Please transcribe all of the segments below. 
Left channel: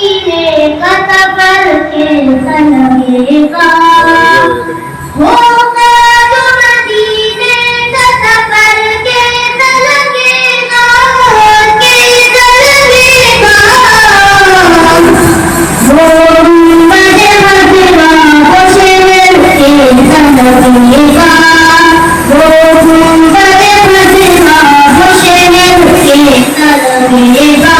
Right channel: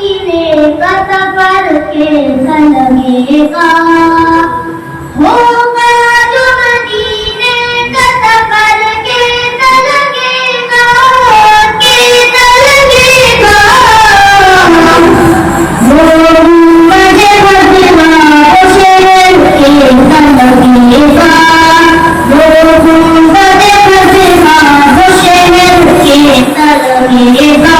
मदीने का सफर कैसा लगेगा, होगा जो मदीने का सफर कैसा लगेगा, कैसा लगेगा। वो गुंबद खजरा वो शहर कैसा लगेगा, वो गुंबद खजरा वो शहर कैसा लगेगा।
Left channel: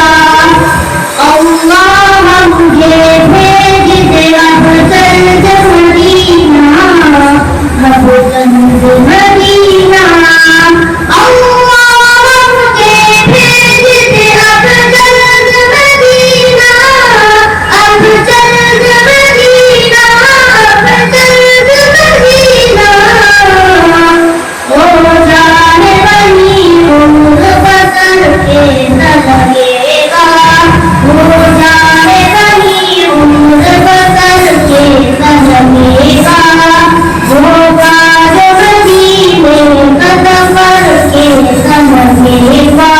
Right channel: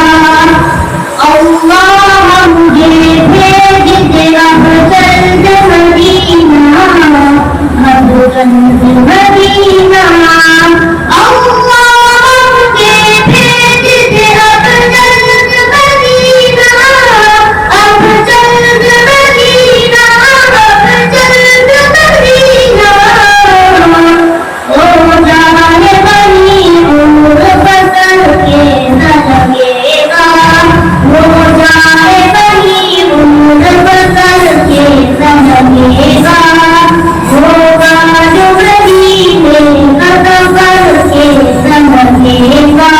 अल्लाह मुझे भेज दे अफजल मदीना, अफजल मदीना। अल्लाह मुझे भेज दे अफजल मदीना, अफजल मदीना, अफजल मदीना। ओ जाने बनी उम्र बसर कैसा लगेगा, वो जाने बनी उम्र बसर कैसा लगेगा, होगा जो मदीने का सफर कैसा लगेगा।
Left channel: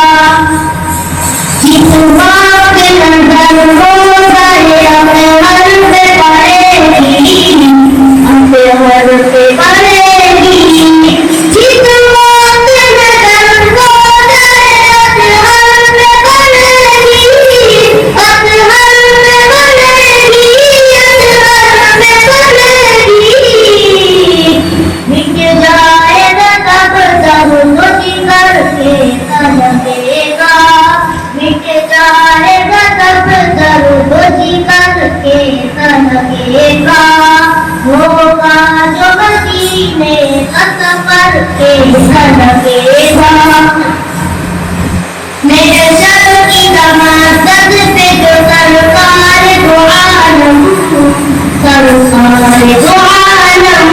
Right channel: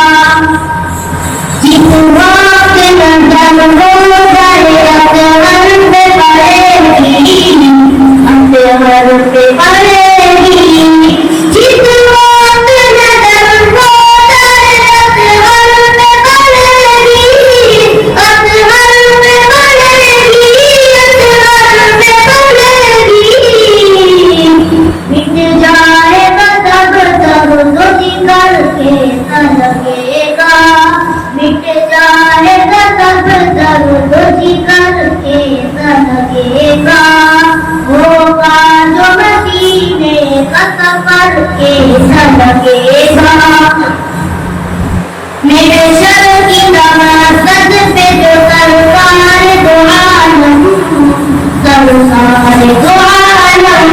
जिस वक्त नजर हो जाए अतहर से पड़ेगी, अतहर से पड़ेगी। जिस वक्त नजर हो जाए अतहर से पड़ेगी, अतहर से पड़ेगी, अतहर से पड़ेगी। मिट जाएगा तब सब तो जिगर कैसा लगेगा, मिट जाएगा तब सब तो जिगर कैसा लगेगा, होगा जो मदीने का सफर कैसा लगेगा। मेरे सर की नमाज़ पे जो सरकार दो आलम, सरकार दो आलम।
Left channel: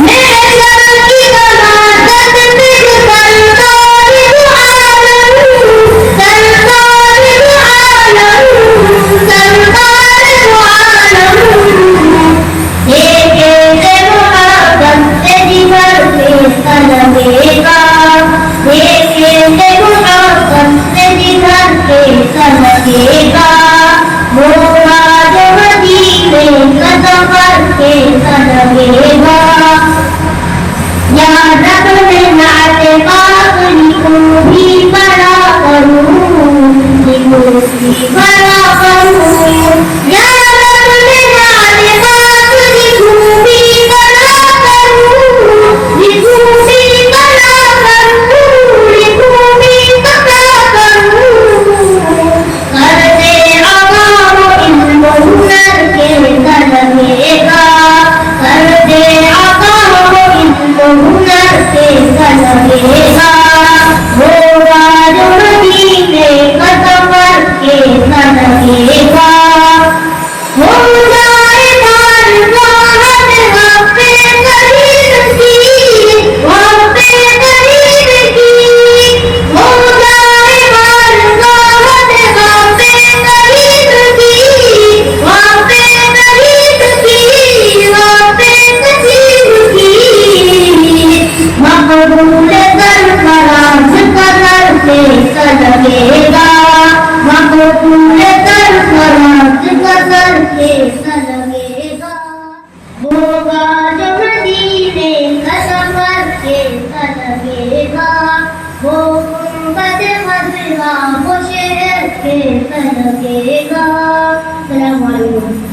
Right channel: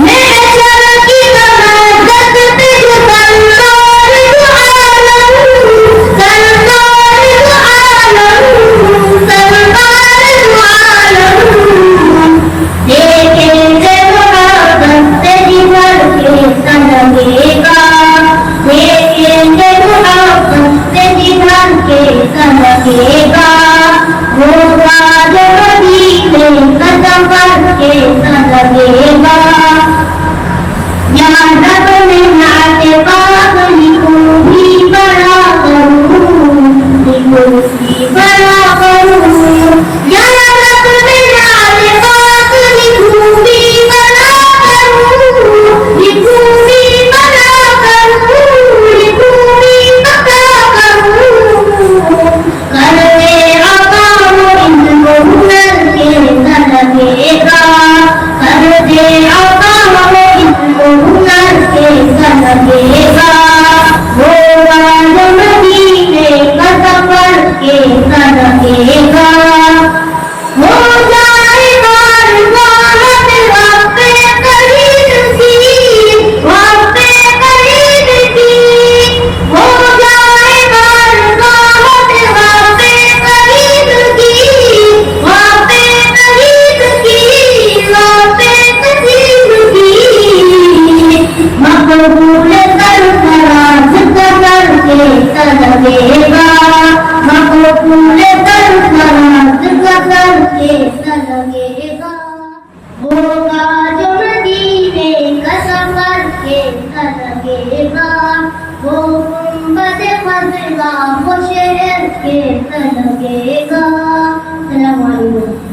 मेरे सर की नमाज़ पे जो सरकार दो आलम, सरकार दो आलम, सरकार दो आलम। देखेंगे मुहब्बत से जिगर कैसा लगेगा, देखेंगे मुहब्बत से जिगर कैसा लगेगा, होगा जो मदीने का सफर कैसा लगेगा। यहाँ रब में नाते पाक लिखूं भी बड़ा करूं, लिखूं भी बड़ा करूं। यहाँ रब में नाते पाक लिखूं भी बड़ा करूं, लिखूं भी बड़ा करूं, लिखूं भी बड़ा करूं। कर दे आका वो इल्म हुनर कैसा लगेगा, कर दे आका वो इल्म हुनर कैसा लगेगा, होगा जो मदीने का सफर कैसा लगेगा। हो जाए बारगाह में वक़्ते करीब की, वक़्ते करीब की। हो जाए बारगाह में वक़्ते करीब की, वक़्ते करीब की, वक़्ते करीब की। मक़बूल सरफराज का दर कैसा लगेगा, मक़बूल सरफराज का दर कैसा लगेगा, होगा जो मदीने का सफर कैसा लगेगा, वो गुंबद खजरा वो शहर कैसा लगेगा।